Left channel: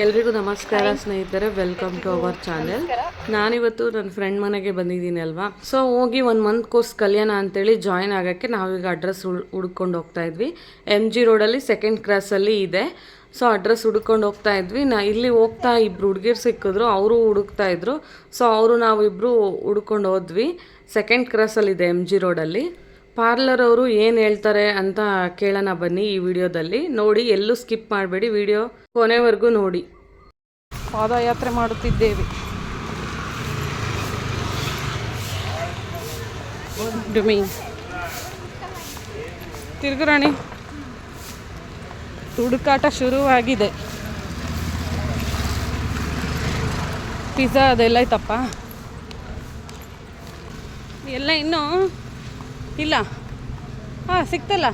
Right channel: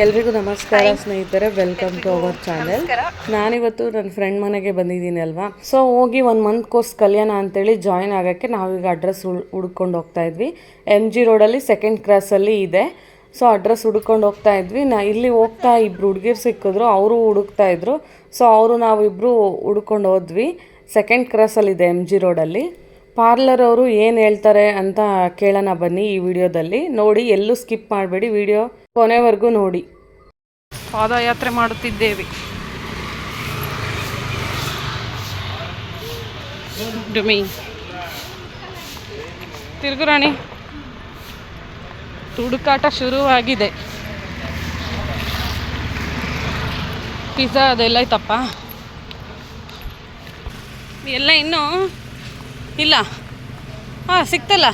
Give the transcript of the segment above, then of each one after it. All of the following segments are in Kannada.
ಎಲ್ರಿಗೂ ನಮಸ್ಕಾರ ಸ್ನೇಹಿತರೆ, ವೆಲ್ಕಮ್ ಟು ಅವರ್ ಚಾನೆಲ್. ನಾನಿವತ್ತು ನನ್ನ ಫ್ರೆಂಡ್ ಮನೆಗೆ ಬಂದಿದ್ದೀನಿ ಅಲ್ವಾ. ಸೊ ಹೋಗಿ 1 ಮಂತ್ ಕೋರ್ಸ್ ಕಲಿಯೋಣ ಅಂತೇಳಿ ಜಾಯಿನ್ ಆಗೋಕ್ಕೆ ನಾವೀಗ ಅಡ್ರೆಸ್ ಹುಡ್ಕೊಂಡು ಹೋಗ್ತಾ ಇದ್ವಿ. MG ರೋಡಲ್ಲಿ 2nd ಕ್ರಾಸಲ್ಲಿ ಇದೆ. ಸೊ ಅಡ್ರೆಸ್ ಹುಡ್ಕೊಂಡು ಹೋಗ್ತಾ ಇದ್ವಿ. ಇಲ್ಲಿ ಹೋಗ್ತಾ ಇಬ್ಬರು ಹುಡುಗಿರು ಸಿಕ್ಕಿದ್ರು, ಅವರು ಹುಡುಕ್ತಾ ಇದ್ರು. ಸೊ ನಾವಿಬ್ಬರು ಹುಡ್ಕೊಂಡು ಹೋದ್ವಿ. 2nd ಕ್ರಾಸಲ್ಲಿದೆ MG ರೋಡಲ್ಲಿ. ಪಾರ್ಲರ್ ಅವರು ಏನು ಹೇಳ್ತಾರೆ ಅಂತ ಕೇಳೋಣ ಬನ್ನಿ. ಈ ವಿಡಿಯೋದಲ್ಲಿ ನೋಡಿ, ಎಲ್ಲೂ ಸ್ಕಿಪ್ ಮಾಡಬೇಡಿ, ವಿಡಿಯೋ ಕೊನೆವರೆಗೂ ನೋಡಿ. ಪಾದಯಾತ್ರೆ ಮಾಡುತ್ತಿದ್ದೇವೆ. ಡುಮಿ ತಿರುಗುರಾಣಿ ಹುಡುಕಾಟ ಶುರುವಾಗಿದೆ. ಪಿಜ್ಜಾ ಅದೆಲ್ಲ ಐತಪ್ಪ, ಎಲ್ಲ ಇನ್ನೂ ಇಲ್ಲ. ಸಿಕ್ತಲ್ಲ.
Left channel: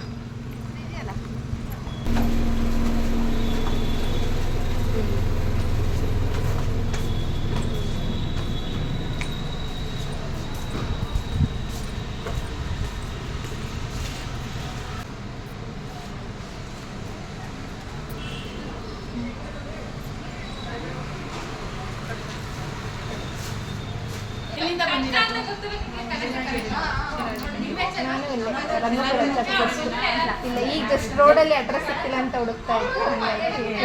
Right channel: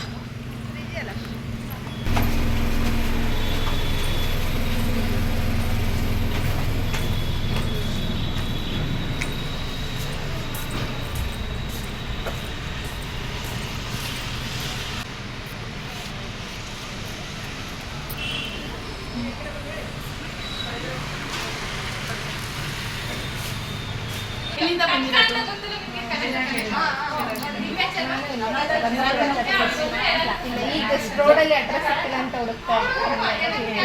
ಇಲ್ಲ, ಈಗ ಜಸ್ಟ್ ರೋಡಲ್ಲಿ ಅಡ್ರೆಸ್ ಸಿಕ್ಕಿಲ್ಲ ಅಂತ ಹುಡುಕ್ತಾ ಇದ್ದೀನಿ.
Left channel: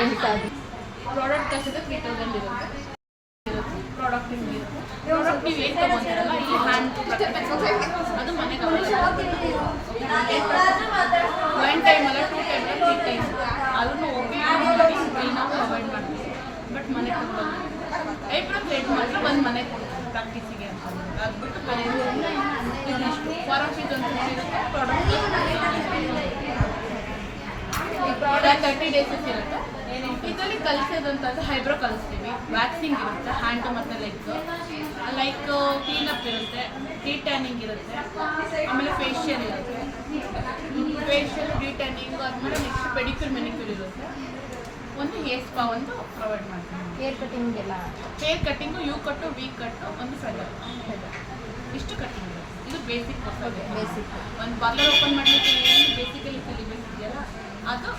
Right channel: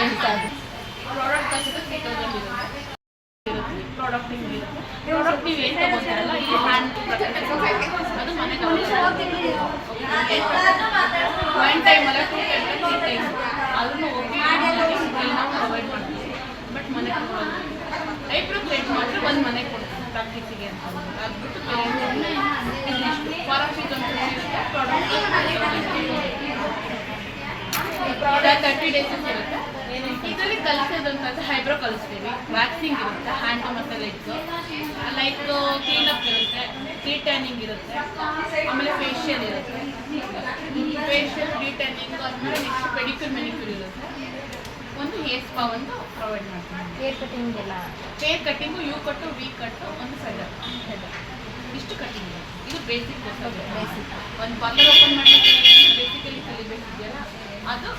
ಬಟ್ ಮನೆ ಐಬ್ರೋ ಥ್ರೆಡ್ ಮಾತ್ರ ಒಂದು ಮನೆಗೆ ಕೊಡ್ತೀವಿ ಪ್ರಾಕ್ಟೀಸಿಗೆ ಅಂತ ಅದ್ಬಿಟ್ಟು ಫಾರಮ್ ಫೀಸ್ ಅಂತ ಇರುತ್ತೆ. ಪ್ರಾಡಕ್ಟ್ 30 ಡೇಸ್ ಇರುತ್ತೆ. ಇದರಲ್ಲಿ ಕಲಿಸೋದಂತ ಐಬ್ರೋ ಕಲಿಸ್ತೀವಿ, ವ್ಯಾಕ್ಸಿಂಗ್ ಇರುತ್ತೆ, ಹ್ಯಾಂಡ್ ಮತ್ತು ಲೆಗ್ಸ್, ಲೈಕ್ ಕ್ಲೀನಪ್ ಇರುತ್ತೆ, ಟ್ಯಾನಿಂಗ್ ಇರುತ್ತೆ, ಆಮೇಲೆ ಫೇಶಿಯಲ್ ಇರುತ್ತೆ. ಫೇಶಿಯಲ್ ಟ್ಯಾನಿಂಗ್ ಆದಮೇಲೆ ನೆಕ್ಸ್ಟ್ ಪೆಡಿಕ್ಯೂರ್ ಮೆನಿಕ್ಯೂರ್ ಇರುತ್ತೆ. ಒಂದು ಹೇರ್ ಸ್ಪಾ ಒಂದು ಪ್ರೊವೈಡ್ ಮಾಡ್ತೀವಿ. ಹೇರ್ ಕಟಿಂಗ್ ಎಲ್ಲ, ಹೇರ್ ಕಟ್ಟಿಂಗು, ಯು ಕಟ್ಟು, ವಿ ಕಟ್ಟು, ಒಂದು ಫೆದರ್ ಇಷ್ಟು ಕಟ್ಟಿಂಗ್ ಇದೆ. ಇದು ಬೇಸಿಕ್ ಬೇಸಿಕ್ ಒಂದು ಪಾರ್ಲರ್ ಓಪನ್ ಮಾಡಲಿಕ್ಕೆ ಬೇಸಿಕಲಿ ಕಲಿಬೇಕಿದೆಯಲ್ಲ ಅದು.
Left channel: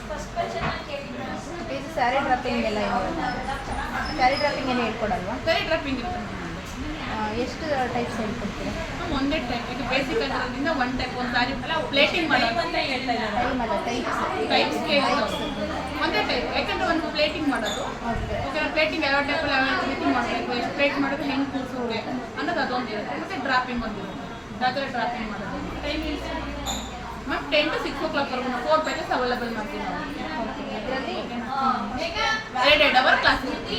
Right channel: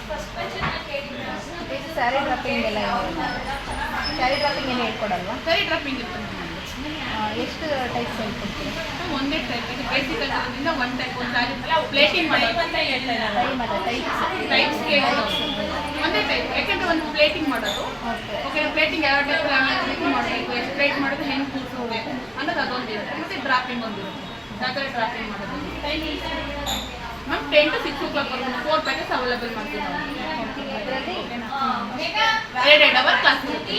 ಇದು ಸ್ಯಾರಿ ಡ್ರಾಪಿಂಗ್ ಎಲ್ಲ ಇದೆ. ಸ್ಯಾರಿ ಡ್ರಾಪಿಂಗ್ ಏನು ಹೇಳ್ಕೊಡಲ್ವಾ? ಸ್ಯಾರಿ ಡ್ರಾಪಿಂಗ್ ಇರುತ್ತೆ. ಎಷ್ಟು ಟೈಪ್ಸ್ ಹೇಳ್ಕೊಡ್ತೀರಾ? ಒಂದೇ ಟೈಪ್. ಇದು ಬೇಸಿಕ್ ಆಗಿರೋದ್ರಿಂದ ಒಂದು ಟೈಪ್. ಒಂದು ಸ್ಯಾರಿ ಪ್ಲೇಟಿಂಗ್ ಮಾಡೋದು ಟೈಪ್ಸ್ ಒಂದೇ ಟೈಪ್. ಯಾಕೆಂದರೆ ಒಂದು ಪ್ಲೇಟಿಂಗ್ ಮಾಡೋದು, ಓಕೆ, ಪ್ಲೇಟಿಂಗ್ ಯಾವ ಟೈಪಲ್ಲಿ ಮಾಡಬೇಕು, ಎಷ್ಟು ಪ್ಲೇಟ್ ಮಾಡೋದು, ಹೆಂಗೆ ಕೂರಿಸೋದು ಅನ್ನೋದು ಅದೊಂದು ಇರುತ್ತೆ. ಮತ್ತು ಡ್ರಾಪಿಂಗ್ ಒಂದು ಇರುತ್ತೆ. ಯಾವ ಥರ ಡ್ರಾಪಿಂಗ್ ಮಾಡೋದು ma'am 10 to 6 o'clock 4 packets available ಮಾಡ್ತೀವಿ ನಾವು. ಇದರಲ್ಲಿ 2 ಅವರ್ ಕ್ಲಾಸ್ ಇರುತ್ತೆ.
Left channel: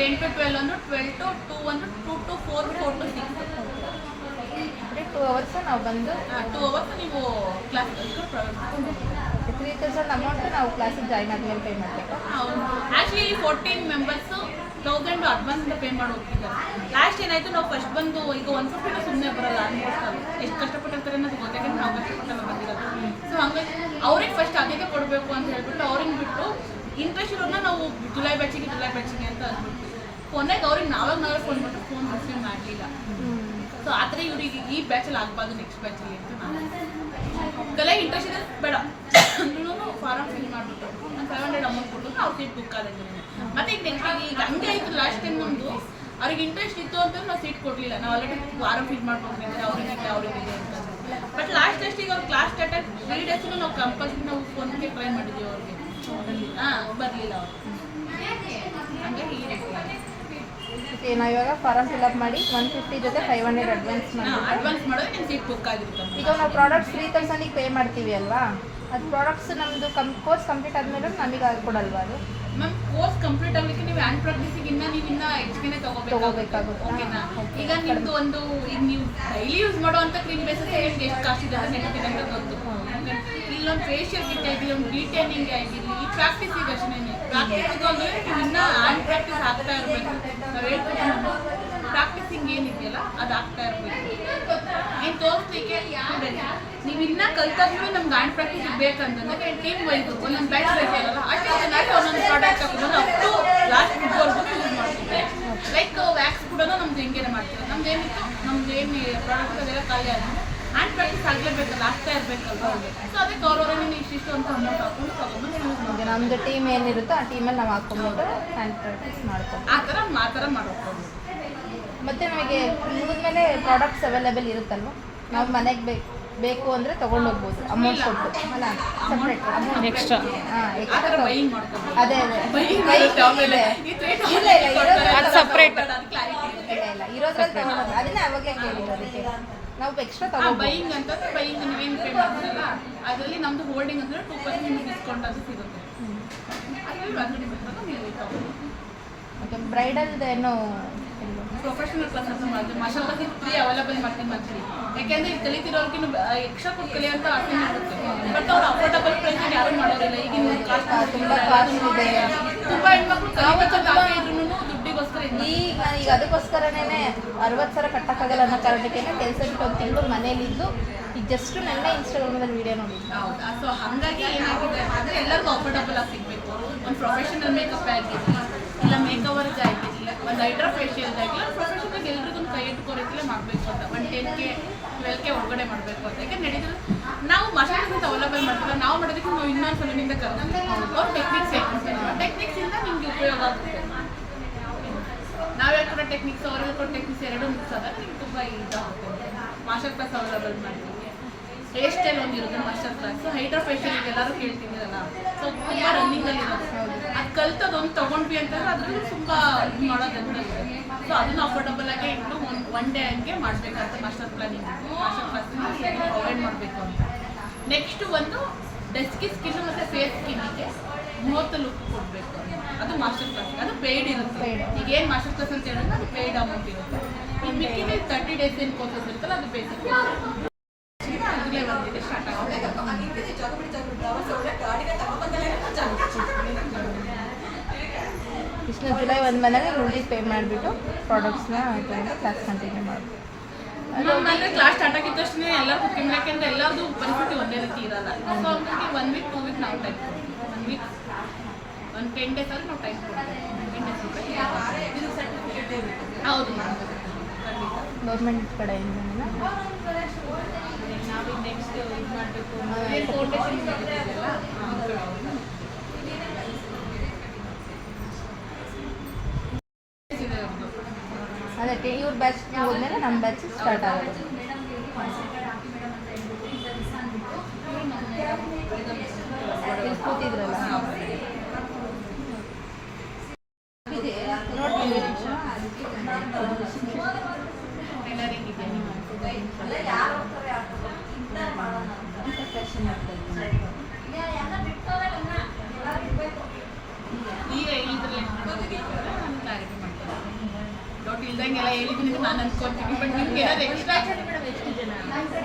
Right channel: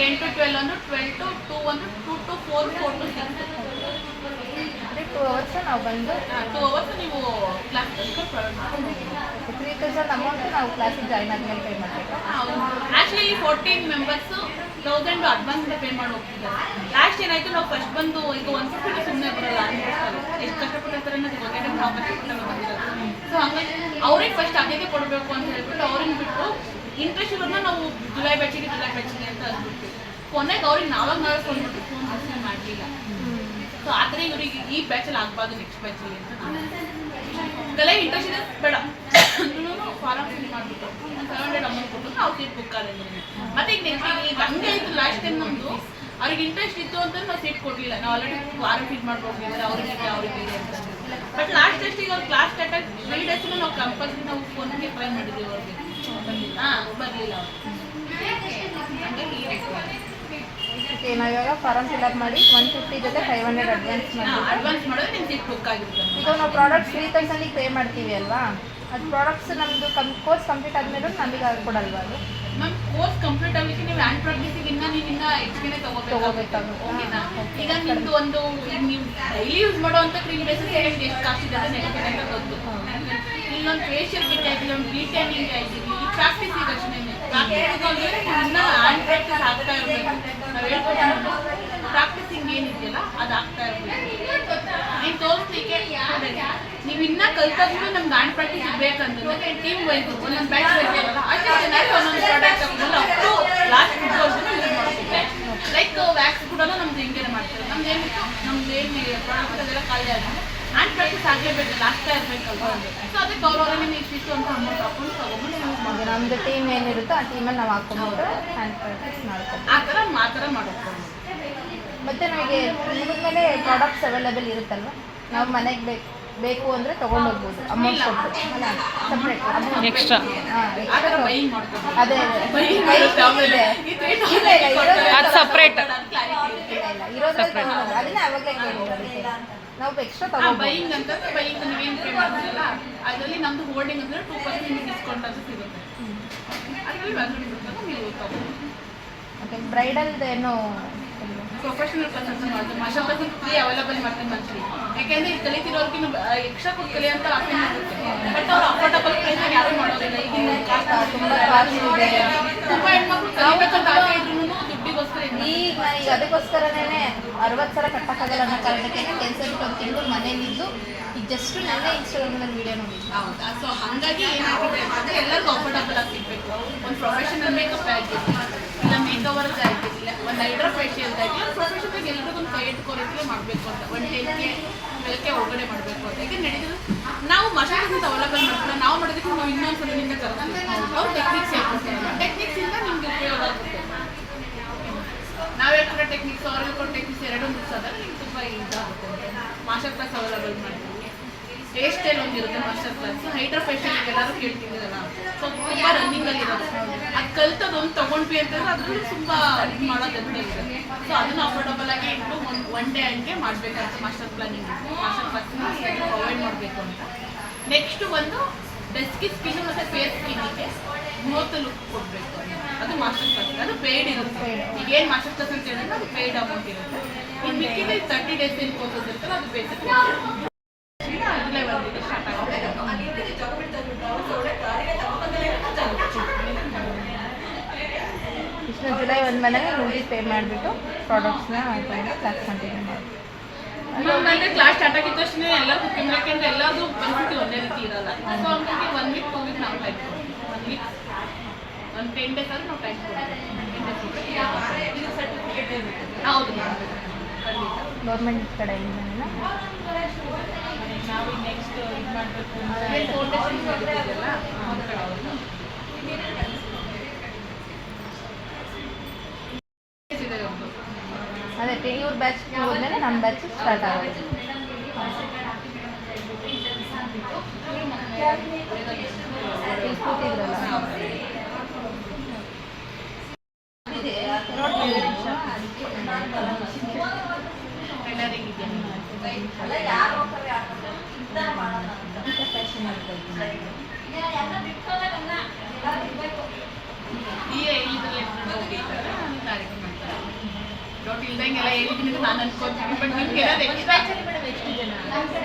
10 to 12 ಒಂದು, 12 to 2 ಒಂದು, 2 to 4, 4 to 6. 2 hours ನಾವು ಬಂದು 2 hours ನೀವು ಕ್ಲಾಸ್ ಪ್ರೊವೈಡ್ ಮಾಡ್ತೀವಿ. 3000 ಅಮೌಂಟ್ ನಾವು ಕ್ಲಾಸಿಗೆ ಜಾಯ್ನ್ ಆದಮೇಲೆ ಪೇ ಮಾಡಬೇಕಾ? ಆ್ಯಕ್ಚುಲಿ ಈ 14 ಮೆಂಬರ್ಸು 1000 ಅಡ್ವಾನ್ಸ್ ಪೇ ಮಾಡಿ ಹೋಗ್ತಿದ್ದಾರೆ. ಲಾಸ್ಟ್ ಏನಾಯಿತು, ನಾವು ಫಸ್ಟ್ ಬಂದು ಈಗ 150 ಸುಮ್ಮನೆ ಬರೋಲ್ಲ, ಎಷ್ಟು ಕಷ್ಟಪಟ್ಟಿರ್ತಾರೆ ಅನ್ನೋದು ಗೊತ್ತಾಗ ನಾವು ಕಷ್ಟಪಟ್ಟಲ್ಲ ಬಂದಿರೋದು. ಸೊ ಹಂಗಾಗಿ ಅವ್ರಿಗೆ ಫಸ್ಟ್ ಅದೇ ಕೊಡಬೇಕು ಅಂತ ಹೇಳ್ಬಿಟ್ಟು ಅವ್ರಿಗೆ ಬಿಟ್ಟು ಇಂಟ್ರೆಸ್ಟ್ ಇರೋದನ್ನ ನಾವು ಜುಲೈ ಬ್ಯಾಚಿಗೆ ಅಂತ ಅಂದ್ಬಿಟ್ಟು ಕೊನೆಗೆ ಅವ್ರಿಗೆ ನಾವೇ ಫೋನ್ ಮಾಡಿ ಫೋನ್ ರಿಸೀವ್ ಮಾಡಲಿಲ್ಲ. ಸೊ ಆ ಥರ ಇವ್ರಿಗೆ ಈ ಬ್ಯಾಚಲ್ಲಿ ಆಗಬಾರ್ದು, ನೆಕ್ಸ್ಟ್ ಬ್ಯಾಚಲ್ಲಿ ಅಂತ ನಾನು ಇದೆಲ್ಲ ಇಂಟ್ರೆಸ್ಟ್ ಇದೆ ಬೇಡ ಫಾರಮ್ ಫಿಲ್ ಮಾಡಿಬಿಟ್ಟು ಒಂದು 500 ಅಮೌಂಟ್ ಕೊಟ್ಟು ಅವ್ರು ಸೀಟ್ ಬುಕ್ ಆದ್ರೆ. ಮತ್ತೆ ಈಗ ನೆಕ್ಸ್ಟ್ ಈಗ ಹಂಗೆ ಆಯಿತು. ಲಾಸ್ಟ್ ಟೈಮ್ ನಮ್ಮದು ಅವ್ರಿಗೆ ಇಂಟ್ರೆಸ್ಟ್ ಇತ್ತು ಅಂತ ನಾವು ಸೀಟ್ ಕೊಡಲಿಲ್ಲ. ನಾವು ಆಲ್ರೆಡಿ ಫಾರಮ್ ಫಿಲ್ ಮಾಡ್ಕೊಟ್ಟಿದ್ದೆ, ಅವ್ರಿಗೆ ಅಂತ. ಬಟ್ ಲಾಸ್ಟ್ ಟೆಸ್ಟಿಗೆ ಅವ್ರು ಕ್ಲಾಸ್ ಸ್ಟಾರ್ಟ್ ಆಗಿ 3 days ನಾವು ಕಂಪಲ್ಸರಿ ನಾವು ಫೋನ್ಗೆ ಟ್ರೈ ಮಾಡಿದ್ವಿ. ಅವ್ರಿಗೆ ಬರಲಿಲ್ಲ ಅವರು. ಹಂಗಾಗಿ ಓಕೆ, ನಾವು ಇವಾಗ ಫಾರಮ್ ಫಿಲ್ಅಪ್ ಮಾಡಿ 150 ಜೊತೆ 500 ಅಡ್ವಾನ್ಸ್ ಮಾಡೋದು ನಿಮ್ಮ ಸೀಟ್ ಬುಕ್ ಆಗಿರುತ್ತೆ. ಈಗ ನಾವು ಪ್ರಾಡಕ್ಟ್ಸ್ 3000ಗೆ ಪೇ ಮಾಡ್ತೀವಿ ಅಲ್ವಾ? ಅದು ಪ್ರಾಡಕ್ಟ್ಸ್ ನಮ್ಮದು ಕೋರ್ಸ್ ಕಂಪ್ಲೀಟ್ ಆದಮೇಲೆ ನಮಗೆ ಕೊಡಲ್ವಾ ಅದು? ಮ್ಯಾಮ್ ಕೋರ್ಸ್ ಕಂಪ್ಲೀಟ್ ಆಗಲಿಕ್ಕೆ ನೀವು ಹ್ಯಾಂಡ್ ಪ್ರಾಕ್ಟೀಸಿಗೆ ನೀವು ಎಕ್ಸ್ಪೀರಿಯನ್ಸ್ ತಗೋಬೇಕಾಗುತ್ತೆ. ಓಕೆನಾ? ಈಗ ನಿಮ್ಮದು ಒಂದು ನೀವು ಡೈಲಿ ಯೂಸ್ ಮಾಡುವಂಥ ಕ್ರೀಮ್ ಬೇಸಸ್ ಎಷ್ಟು ಕಾಸ್ಟ್ ಇದೆ ಅಂತ ಗೊತ್ತು. ಈಗ ಒಂದು ಫೇಶಿಯಲ್ ಕಿಟ್ ಆಯ್ತು, ಒಂದು ಡಿಟೈನಿಂಗ್ ಆಯ್ತು, ಈ ಪ್ರಾಕ್ಟೀಸಿಗೆ ಅಷ್ಟೇ. ಇನ್ನು ಹ್ಯಾಂಡ್ ಪ್ರಾಕ್ಟೀಸ್ ಆಗ್ತಾ ಇರಬೇಕು. ನಾವು ಹೇಳ್ಕೊಂಡು ಪ್ರಾಕ್ಟೀಸಿಂಗ್ ಏನಿದೆಯಲ್ಲ ಅದು ಆಗ್ತಾ ಇರಬೇಕು. ನೀವು ತೋರಿಸ್ಲಿಕ್ಕೆ ನೀವು ಇನ್ನೂ ಕಲ್ತಾದ್ರೂ ನಮ್ಗೆ ಹ್ಯಾಂಡ್ ಪ್ರಾಕ್ಟೀಸ್ ಬೇಕಂತಂದ್ರೆ ಟೀಮ್ ವೈಸ್ ಒಂದೊಂದು ಬ್ಯಾಚ್ ಬೇಕಲ್ಲ, ಅಷ್ಟೇ ಚೆನ್ನಾಗಿ ಒಂದೊಂದು ಪ್ರಾಡಕ್ಟ್ ತಗೊಂಡು ಅಪ್ ಟು ಲಾಸ್ಟ್ ಫುಟ್ಬಾಲ್ಗೂ ಯೂಸ್ ಮಾಡ್ತೀವಿ. ಲೈಕ್ ವ್ಯಾಕ್ಸ್ ಕೂಡ ನಮ್ದು ಹಿಂಗೇನೆ ಮಾಡ್ತೀವಿ. ನಮ್ದು ಏನು ಪ್ರಾಡಕ್ಟ್ ಅದೆಲ್ಲ ಖಾಲಿ ಆಗಿ ಹ್ಯಾಂಡ್ ಪ್ರಾಕ್ಟೀಸ್ ಆಗಲೇಬೇಕಲ್ಲ, ಆಗ್ತಾ ಇರಬೇಕಲ್ವ. ಸೊ ಅದಕ್ಕೆ ಅವ್ರವರೇ ಇಷ್ಟಿಷ್ಟು ಅಂತ ಅಮೌಂಟ್ ಹಾಕೊಂಡು ತಗೊಂಡ್ಬಂದು ಯೂಸ್ ಹಾಗೆ ನಮ್ಮದು ಟೀಮ್ ಏನಿರುತ್ತೋ ಆ ಟೀಮಲ್ಲಿ ನಾವು ಹಾಕೊಂಡ್ಬಿಟ್ಟು ಹ್ಯಾಂಡ್ ಪ್ರಾಕ್ಟೀಸ್ ಮಾಡ್ಕೊತೀವಿ. ಆ ಥರ ಮಾಡೋಕ್ಕೋಗ್ಬೋದು. ಮತ್ತು ನಮಗೆ ಮುಗಿದ್ಮೇಲೆ ಪ್ರಾಡಕ್ಟ್ಸ್ ಅವೈಲೇಬಲ್ ಇರುತ್ತಲ್ವ, ನಾವು ಮನೆಗೆ ಬೇಕು ಅಂದರೆ ತೊಗೊಂಡು ಹೋಗ್ಬೋದು ಅಮೌಂಟ್ ಕೊಟ್ಟು. ಅಲ್ಲ ಸಪ್ರೇಟ್ ಅಮೌಂಟ್ ಎಕ್ಸ್ಟ್ರಾ ಆ ಥರ ಬೈಯಿಂಗ್ ಮಾಡ್ಕೋಬೋದು. ಅದೇ Buying ಇದೆ ಅದು ಸಪ್ರೇಟ್. ಇಲ್ಲ ಇರೋದ್ರಲ್ಲಿ ತೊಗೊಳೋದು ಅದನ್ನೇ ಅವಾಗಲೇ ಕೇಳಿದ್ರು. ಅದಕ್ಕೆ ನಾವು ಎಕ್ಸ್ಟ್ರಾ ತೊಗೊಳ್ಬೋದು. ಬೈಯಿಂಗ್ ಅಂತಂದ್ರೆ ಬೈಯಿಂಗ್ ನೀವೇನು ಪೇ ಮಾಡ್ತೀರಲ್ಲ ಅದರಲ್ಲಿ ನಮ್ಮದು ಹೋಲ್ಡಿಂಗ್ ಅಂದರೆ 2% ನಿಮಗೆ ಡಿಸ್ಕೌಂಟ್ ಅದು ಸಿಗುತ್ತೆ. ಅದರಲ್ಲಿ ವ್ಯಾಲ್ಯೂ ಇರುತ್ತಲ್ಲ ನೀವು ತಗೊಳ್ಬೋದು. ಮತ್ತು ಬ್ರೈಡಲ್ದು ಏನೋ ಪ್ರೊಫೆಷನಲ್ ಕ್ಲಾಸ್ ಅಂತ ಮಾಡ್ತೀವಿ. ಮಾಸ್ಟರ್ ಕ್ಲಾಸ್ ಫ್ರೀ ಅವೈಲೇಬಲ್ ಮಾಡ್ತೀನಿ ಮಂತ್ಲಿ. ಯಾಕೆಂದರೆ ಈಗ ಕಲಿತಿರೋರ್ಗಿನ್ನು ಎಕ್ಸ್ಟ್ರಾ ಕೊಟ್ಟು ಕಲಿ ಅಂತ ಆಪ್ಷನ್ ಇರುತ್ತೆ. ಬಟ್ ಅವ್ರು ಅಫೋರ್ಡಬಲ್ ಪ್ರೈಸ್ ಯಾರು ಮಾಡೋದಿಲ್ಲ. ಈಗಿನ ತುಂಬ ಕಾಸ್ಟ್ ಇದೆ. ತುಂಬ ಹೆಣ್ಮಕ್ಳು ಕಲಿಬೇಕಂತ ಆಸೆ ಇದ್ರೂ ದುಡ್ಡಿಗೋಸ್ಕರ ಈಗ ಅದಕ್ಕೋಸ್ಕರನೇ 60 ಸಾವಿರ ಕಟ್ಟಕ್ಕಾಗಲ್ಲ ಅನ್ನೋ ಕಾರಣಕ್ಕೆ ಕೆಲಸ ಬಿಟ್ಟು ಒಂದು ತಿಂಗಳು ಮನೇಲಿದ್ದು ಈಗ ಜಸ್ಟ್ ನೆನ್ನೆ ಇನ್ಸ್ಟಾಗ್ರಾಮಲ್ಲಿ ವೀಡಿಯೋ ನೋಡಿದ್ದೆ. ಹೌದಾ? ಸೊ ಹಾಗಾಗಿ ಏನಾಗಿದೆ ಅಂದರೆ ಎಲ್ಲರಿಗೂ ಅಫೋರ್ಡಬಲ್ ಆಗಿ ಸಿಗಬೇಕು. ಒಂದು ಪ್ರೊಫೆಷನಲ್ ಮೇಕಪ್ ಆಗಿರಲಿ, ಇಲ್ಲ ಮೇಕವರ್ಗೆ ಆಗಿರಲಿ, ಒಂದು ಹೈಡ್ರಾ ಫೇಶಿಯಲ್ದಾಗಿ ಪ್ರೊಫೆಷನ್ಗೆ ಎಲ್ರಿಗೂ ಒಂದು ಕೈ ಎತ್ಕೊಳಕ್ಕೆ ಮಾಡಬೇಕು ಅಂತ, ಒಂದು 10K 12K ಒಳಗಡೆ ಮಾಡಬೇಕು ಅಂತ. ಯಾಕೆ ನಡೀತದೆ ನಾವು ಮಷಾಲಿಂದ ಅವೈಲೇಬಲ್ ಮಾಡ್ತೀವಿ. ನಾವು ಮಾಡೋದಕ್ಕೆ ನಾವು ಇನ್ನೊಂದು ಕಡೆಯಿಂದ ಕರ್ತೀವಿ. ಅವ್ರು ಟೆಕ್ನಿಕ್ಸಿಂದ ನಿಮ್ಗೆ ಉಪಯೋಗ ಆಗುತ್ತೆ. ನಾವು ಹೇಳ್ಕೊಡೋ ಟೆಕ್ನಿಕ್ಸ್ ಅವ್ರು ಹೇಳ್ಕೊಡೋ ಟೆಕ್ನಿಕ್ಸ್ ಎರಡೂ ಮಿಕ್ಸ್ ಆದರೆ ನಿಮ್ಗೆ ತುಂಬ ಇದಾಗುತ್ತೆ. ಮಾಸ್ಟರ್ ಕ್ಲಾಸ್ ಅವೈಲೇಬಲ್ ಮಾಡ್ತೀವಿ. ಹೇರ್ ಸ್ಟೈಲ್ ಒಂದಿರುತ್ತೆ ಮಾಸ್ಟರ್ ಕ್ಲಾಸ್. ಹೈಡ್ರಾ ಫೇಶಿಯಲ್ ಎಲ್ಲರೂ ಕೇಳ್ತಿದ್ದೀರಲ್ಲ, ಸೊ ತುಂಬ ರನ್ನಿಂಗಲ್ಲಿ ಇರುತ್ತೆ. ಅದು ಕಲ್ತದೊಂದು ತೊಗೊಂಡ್ವಿ ಅಂತಂದ್ರೆ ಅದರಲ್ಲೂ ತುಂಬ ಇದು ಮಾಡೋದಂತ ಇದೆ. ಸೊ ಅದನ್ನು ಅಫೋರ್ಡಬಲ್ ಆಗಿ ಇಟ್ಟು ಒನ್ ಡೇ ಹಂಗೆ ಮಾಡಬೇಕಂತ ಮಾಸ್ಟರ್ ಕ್ಲಾಸ್ ಪ್ರೊವೈಡ್ ಮಾಡಬೇಕು ಅಂತ. ನೆಕ್ಸ್ಟ್ ಒಂದು ಡೆಸ್ಕಿ ಸ್ಕಿನ್ ಮತ್ತು ಫೇಸ್ ಸ್ಕಿನ್ನಿಗೆ 30 ಲುಕ್ ಕೊಡಬೇಕು. ಅದು ಮಾಸ್ಟರ್ ಕ್ಲಾಸ್. ಅದು ಪೇಯ್ಡ್ ಇರುತ್ತೆ. ಈಗೇನು ಮಾಸ್ಟರ್ ಕ್ಲಾಸ್ ಅಂತ ಹೇಳಿದ್ರೆ ಅದು ಪೇಯ್ಡ್ ಅಮೌಂಟ್ ಇರುತ್ತೆ. ಇನ್ನು ಮಿಕ್ಕಿದ 30 ಡೇಸ್ ಏನು ಕೋರ್ಸ್ ಇರುತ್ತಲ್ಲ ಅದು ಬೇಸಿಕ್. ಜುಲೈ 1 ಸ್ಟಾರ್ಟ್ ಆಗುತ್ತೆ. ಇಷ್ಟು ಜುಲೈ 1 ಬಂದಾಗ ನೋಡಿ ಪೇ ಮಾಡಿಬಿಟ್ಟು ಪ್ರಾಡಕ್ಟ್ಸ್ನ ತೊಗೊಂಡು ಕ್ಲಾಸ್ ಕಂಟಿನ್ಯೂ ಮಾಡ್ಬೋದು. ಅಂದರೆ ಕ್ಲಾಸ್ ಸ್ಟಾರ್ಟ್ ಆಗಿದ್ದ ತಕ್ಷಣ ಎಲ್ಲರೂ ಕುತ್ಕೊಂಡು, ಯಾಕೆಂದರೆ ಎಲ್ಲರದು ಪರಿಸ್ಥಿತಿ ಒಂದೇ ರೀತಿ ಇರಲ್ಲ. ಸೊ ಹಂಗಾಗಿ 1 ವೀಕ್ 2 ವೀಕ್ ನಾವು ಟೈಮ್ ಕೊಡ್ತೀವಿ. 1 ವೀಕ್ ಒಂದು 10 ಡೇಸ್ ಆದರೂ ನಾವು ಟೈಮ್ ಕೊಡ್ತೀವಿ. 10 ಡೇಸ್ ಇದು ಸರ್ಟಿಫಿಕೇಟ್ ಇರುತ್ತೆ. ಹೌದು ಖಂಡಿತ ಗೌರ್ಮೆಂಟ್ ಕಡೆಯಿಂದನೇ ನಾವು ನೆಕ್ಸ್ಟ್ ಇದು ಮಾಡಬೇಕು ಅಂದರೆ ಫೌಂಡೇಶನ್ ಮಾಡಿದ್ದೀರಲ್ಲ ಅದೇ ಇವ್ರ ಬ್ಯಾಚ್ ಹೋದ್ಮೇಲೆ ನಮ್ಮ ಬ್ಯಾಚ್ ಸ್ಟಾರ್ಟ್ ಆಗೋದು. ಇಲ್ಲಿ ಕೂತಿದ್ರಲ್ಲ ನೋಡ್ತೀವಿ. ಇಲ್ದಂಗೆಲ್ಲ ಹೇಳಿದ್ದೀನಿ ನಾನು ಅನ್ಕೊಂತೀನಿ. ಬಟ್ ನಿಮ್ಗೆ ಏನಾದ್ರು ಎಕ್ಸ್ಟ್ರಾ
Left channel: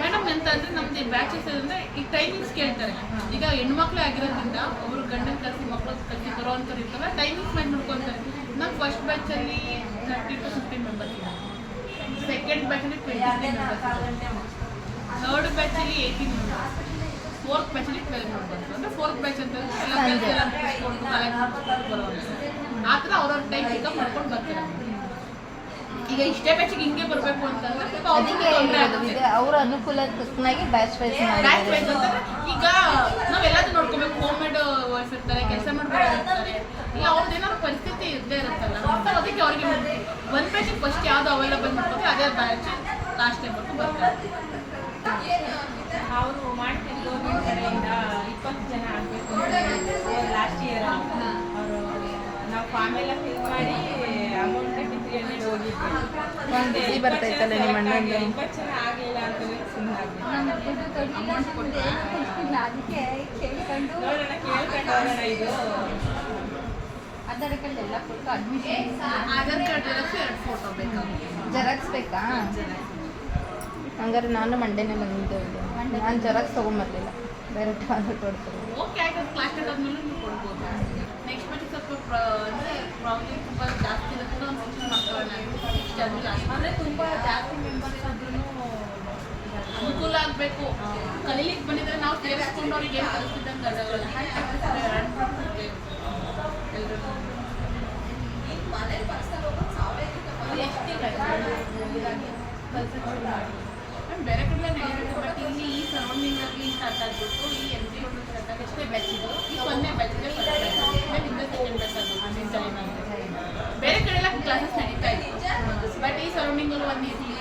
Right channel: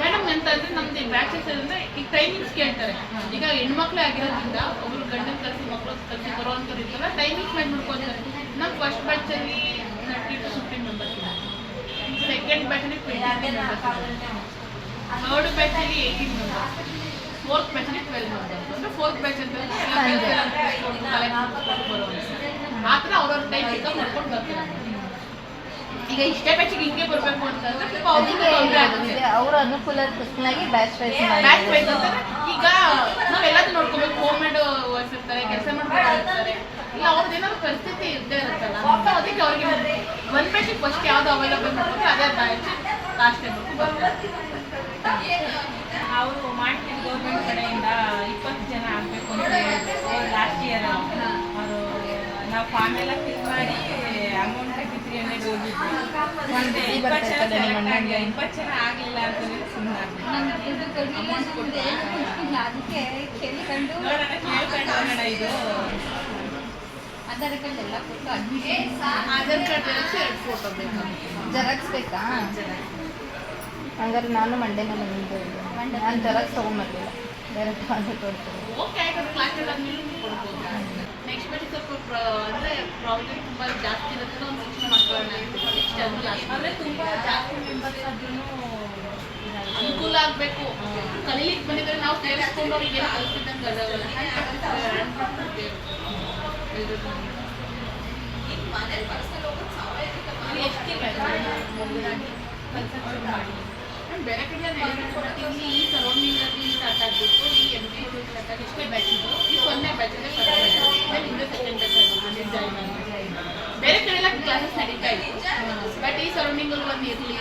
ಮೇಡಮ್ ಅಂತಂದರೆ ನಮ್ದು ಬ್ಯಾಚಸ್ ಅಂದರೆ ಈಗ ಟೈಮಿಂಗ್ಸ್ ಕೇಳ್ತಾರೆ. ಈಗ ಹೆಣ್ಮಕ್ಳೇ ಆಗಿರೋದ್ರಿಂದ ಒಬ್ಬರು ಗಂಡನ ಕಲಿಸಿ ಮಕ್ಕಳು ಕಲಿಸಿ ಬರೋವಂಥವ್ರು ಇರ್ತಾರೆ, ಟೈಮಿಂಗ್ಸ್ ಮಾಡಿ ಮಾಡ್ಕೊತಾರೆ. ನಮ್ಮ ಫಸ್ಟ್ ಬ್ಯಾಚಲ್ಲಿ 30 to 15 ಮೆಂಬರ್ಸ್ ಇದೆ. ಸೆಕೆಂಡ್ ಬ್ಯಾಚಲ್ಲಿ 20 ಮೆಂಬರ್ಸ್ ಇದೆ. ಥರ್ಡ್ ಬ್ಯಾಚಲ್ಲಿ 18 ಮೆಂಬರ್ಸ್. ಫೋರ್ತ್ ಬ್ಯಾಚಲ್ಲಿ 12 ಮೆಂಬರ್ಸ್. ಅಂದರೆ ಫೋರ್ತ್ ಬ್ಯಾಚ್ ಅಂತಂದರೆ ಆ ಥರ ಅವ್ರವ್ರ ಟೈಮ್ ಪಿಕಪ್ ಮಾಡ್ಕೊಂಡು ಬರ್ತಾರೆ. ಈಗ ಇಷ್ಟೇ ಬ್ಯಾಚಿಗೆ ಹಿಂಗೆ ಬರಬೇಕು ಅಂತಂದ್ರೆ ಅದಕ್ಕೆ ಅವರ ಅನುಕೂಲಕ್ಕೆ ತಕ್ಕನಾಗಿ ಬ್ಯಾಚ್ ವೈಸ್ ಬ್ಯಾಚ್ ವೈಸ್ ಅಂತಂದ್ರೆ ಈಗ ನಾವೆಲ್ಲದೂ ನೋಡ್ಕೋಬೇಕು. ಹೋಮ್ ಮೇಡ್ ವೈಫ್ ಇರ್ತಾರೆ, ಕೆಲಸ ಮಾಡ್ಕೊಂಡು ಇರ್ತಾರೆ, ಇಲ್ಲ ಅವ್ರದ್ದು ಏನಾದ್ರು ಪರಿಸ್ಥಿತಿ ಇದ್ದೇ ಇರುತ್ತಲ್ಲ. ಸೊ ಅದಕ್ಕೆ ಅವ್ರಿಗೆ ಒಂದು ಬ್ಯಾಚಿಗೆ ಫಸ್ಟ್ ಯಾವುದು ಅವೈಲೇಬಲ್ ಮಾಡ್ಕೊಂಡು ಅದೇ ಬ್ಯಾಚ್ ಲಾಸ್ಟ್ ಟೈಮ್ ಬರ್ತಾರೆ. ಅವರು ಮಾಡ್ತೀವಿ ಗೌರ್ಮೆಂಟ್ ಕಡೆಯಿಂದ 20 ಜನ ಆಗಬೇಕು ಅಂತ ಹೇಳಿದ್ರು ಲಾಸ್ಟ್ ಇಯರ್. ಅವರು ನಾವು ಫಾರ್ಮ್ ಎಲ್ಲ ಫಿಲ್ ಮಾಡಿ ಅಮೌಂಟ್ ಕಟ್ಟಿ 300 ಹೋಗಿದ್ವಿ. ಒಂದು 20 ಜನ ಆಗಲಿಲ್ಲ ಅಂತಂದ್ರೆ ಸುಮ್ಮನೆ ನೋಡೋಣ ಕೇಳ್ಕೊಂಡು ಹೋಗೋಣ. ಇದು ಆಧಾರ್ ಕಾರ್ಡ್ ಎಲ್ಲ ಕೊಟ್ಟು ಅಡ್ಮಿಷನ್ ಆಧಾರ್ ಕಾರ್ಡ್ 2 ಫೋಟೋ ಬೇಕು. ಜೆರಾಕ್ಸ್ ಬೇಕಾ? ಹಂಗಾರೆ ನಾನು ಮಂಡೇನೇ ಬಂದಿದ್ದು. ನಾನು ಜೆರಾಕ್ಸ್ ತೊಗೊಂಬರ್ಲಿಲ್ಲ, ಡೈರೆಕ್ಟ್ ಆಧಾರ್ ಕಾರ್ಡ್ ತೊಗೊಂಡು. ಓಕೆ ಆಯ್ತು, ಕ್ಲಾಸ್ ಆದಮೇಲೆ ಕೊಡ್ಬೋದು. ನೆಕ್ಸ್ಟ್ ಬ್ಯಾಚ್ ಸ್ವಲ್ಪ ಅಂದರೆ ಪ್ರಾಬ್ಲಮ್ ತುಂಬ ಜಾಸ್ತಿ ಇರುತ್ತೆ. ಒಂದು 6 ಮಕ್ಕಳನ್ನ ನೆಕ್ಸ್ಟ್ ಅದು ಅಂದರೆ ತುಂಬ ಜಾಸ್ತಿ ಮೆಂಬರ್ಸ್ ಆದ್ರೂ ಅನುಕೂಲ ಆಗಬೇಕು. ಕಲೀಲಿಕ್ಕೆ ಬಂದಿದ್ರೆ ನಾವು ಸೇರಿಸ್ಕೊಂಡು ಅವ್ರಿಗೆ ಏನು ಕಲಿಸಿದಂಗೆ ಅದಾಗಲ್ಲ. ಎಷ್ಟು ತಿಂಗಳು ಮುಗಿದಾಗಿ ಕೆಲಸ ಶುರು ಮಾಡಿ ಬೇರೆ ಕಡೆ ನಡೀತಿತ್ತು ಬಟ್ ಇಲ್ಲಿ ಈ ಸರೌಂಡಿಂಗಲ್ಲಿ ಸ್ಟಾರ್ಟ್ ಆಗಿಬಿಟ್ಟು ಈ ಎನ್ ಪಿ ಸ್ಟಾರ್ಟ್ ಆಗಿ ಎಷ್ಟೇ ಬ್ಯಾಚ್ ಇದು ಈ 0ನೇ ಬ್ಯಾಚಲ್ಲೇ ಫಸ್ಟ್ ಆಮೇಲೆ ಹಿಂದೆ ಸೆಕೆಂಡ್ ಬ್ಯಾಚ್ ಆಗಿತ್ತು ಜಾಯಿನ್ ಆಗಿ ಬೇರೆ ಕಡೆ ಎಲ್ಲ ಕ್ಲಾಸಸ್ ನಡೀತಾ ಇತ್ತು ಬಟ್ ಈ ಸರೌಂಡಿಂಗಲ್ಲಿ ಒಂದು ಇರಲಿ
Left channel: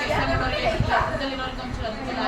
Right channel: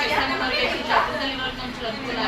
ಕೆಲಸದಲ್ಲಿ ವರ್ಕ್ ಒಂಚೂರು ಅನುಕೂಲ